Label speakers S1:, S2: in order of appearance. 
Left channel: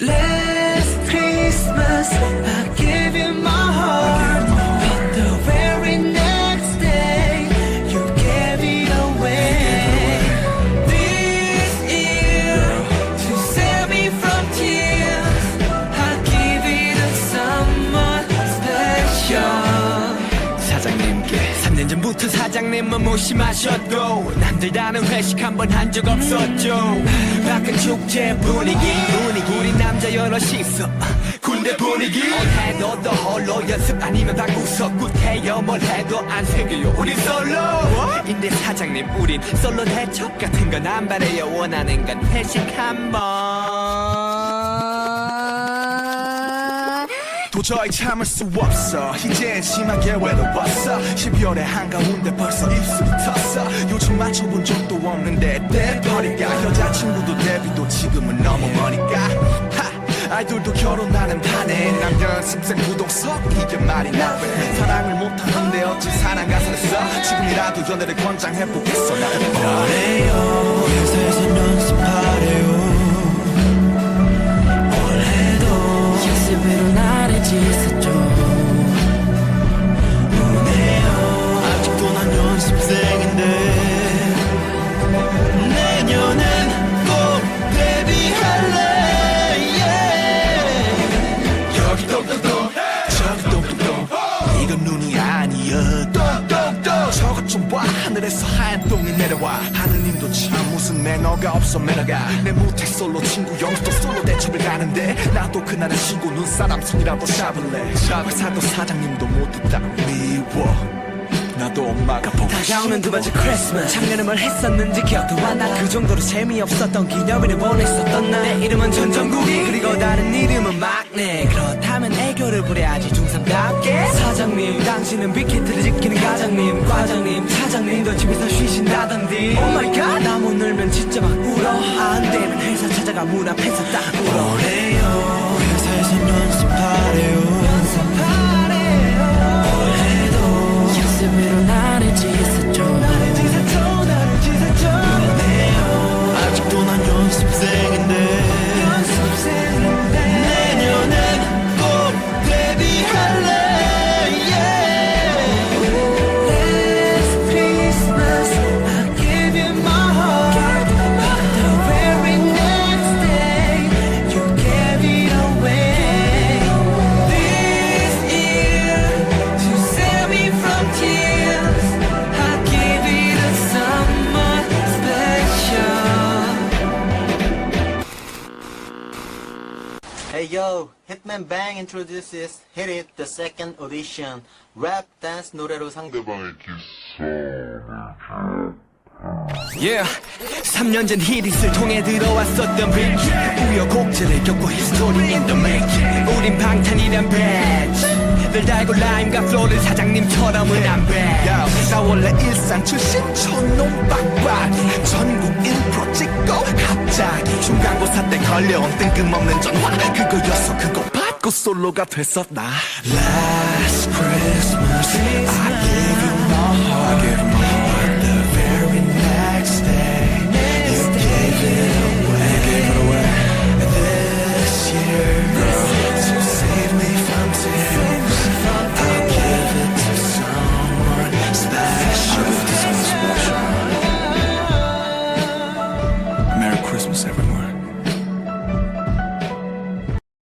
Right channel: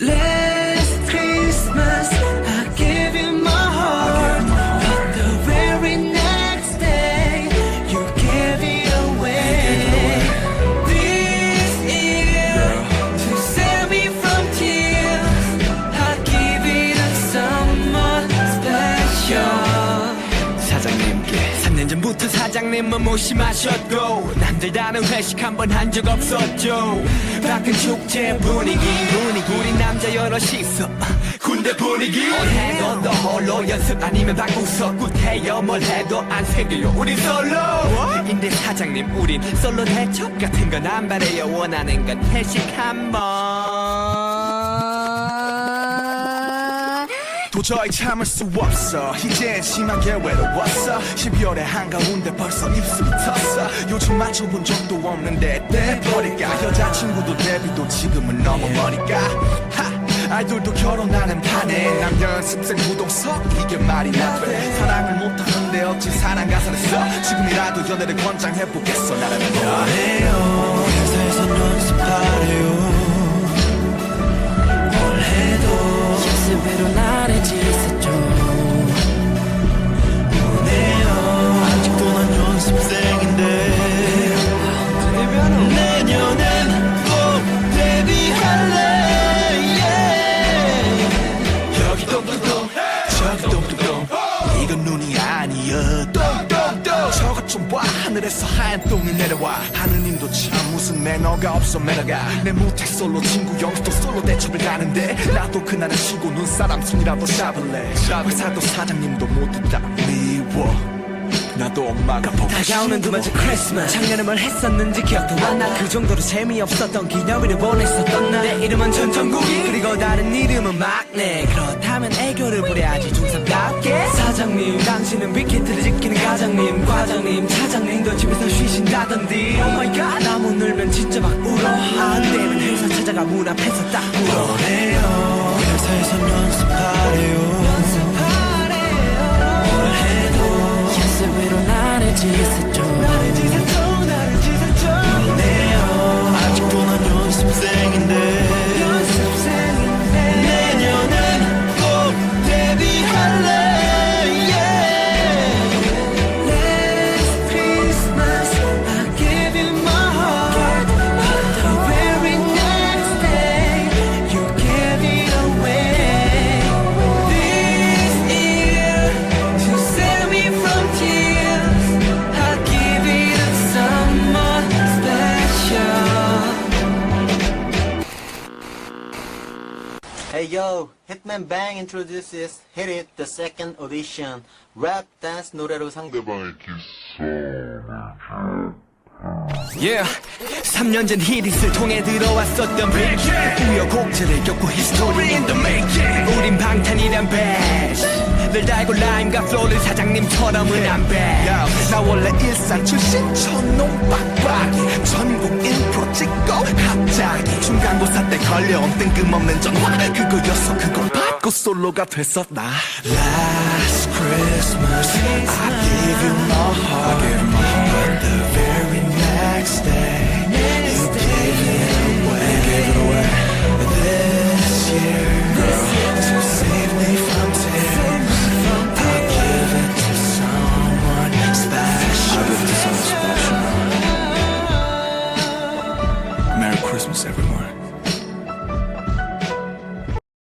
S1: Let
S2: 사장님께. 3년 전부터 사장님은 무심하셨고 남들 다는 회식 한 번 한 적 없었죠. 밖은 축제 분위기 분위기. 우리 남자 여럿이서 군대 분위기. 올해도 너 홀로 연습 아니면 바꾸서 굿해요. 뭘 해도 안 생겨요. 우린 솔로. 인데 사장님 우린 솔로 대첩 같은 건 안 바래요. 원하는 건 회식 한번
S3: 도저히 참을 수 없어. 이젠 심하게 외로웠어. 12월의 한가운데 벌써 입술이 텄어. 요즘 맞춰본 적도 없는데 때 버릴까 여자친구도 데뷔도 지금은 너무 머니까. 하! 아이돌도 결혼하는 판에 남녀 연습생 부동석 이게 말이나 돼. 사랑을 못하는데 어찌 사랑 가사를 써? 지금이라도 연애를 권장해보겠어 나라는 너
S1: 회사에서 연습하래요 연습으로 나를 찢었죠.
S4: 아직도 난 연습생인데 내년엔
S3: 이건 눈이 아니야 똥똥똥 저것 좀 봐. 하늘에서 하얀 똥이 내려와. 하느님도 참 무슨 매너가 없어 매너가. 내 모태 솔로 친구 영수도 솔로 대첩을 가는데 나도 그날은 쉬고 눈사람 손이라도 잡을래. 회사도 사장님도 모두 다. 미워 나도 엄마가 보고
S2: 다가오는 두 번째. 크리스마스 작년에 뭘 했었는지 기억도 안 나. 그 정도로 재미없었던 기념일을 원했었던 나. 내 이름은 전정국이. 그리고 다른 이름은 막내. 그렇다면 애교를 부려야지 중3답게. 사장님 당신은 빅히트를 지키는 과장님. 과장님 차장님도 집에서 쉬신다던디. 오마이갓 나못 놀면 진짜 막 울어. 안 되면 회사 찾아가 문 앞에서 딱 울어.
S4: 회사에선 연습하래요
S1: 연습으로 나를 찢었죠
S2: 나를 찢었죠 나를 찢었죠
S4: 아직도 난 연습생인데
S5: Hey yo, Hitman Bang introduces Hit It the second audition. Rap dance 노래로 상대
S2: Yeah 3년 전 히릿을 통해 들어왔었던 빅 우여곡절을 겪고 history in the making 우린 방탄이란 밴 드늘 달고 라임과 플로우를 사장님처럼은 안배
S3: 야, 나 원래 일산 출신 촌놈 빡빡이 전국 1프로 찍고 갑자기 중간고사 때 걸려온 뜬금없는 전화 그거였어 그거 받고 솔로가 됐었다 Last Christmas I gave you my heart I gave you my heart But the very next day You gave it away You gave it away This year girl To save me from Seven.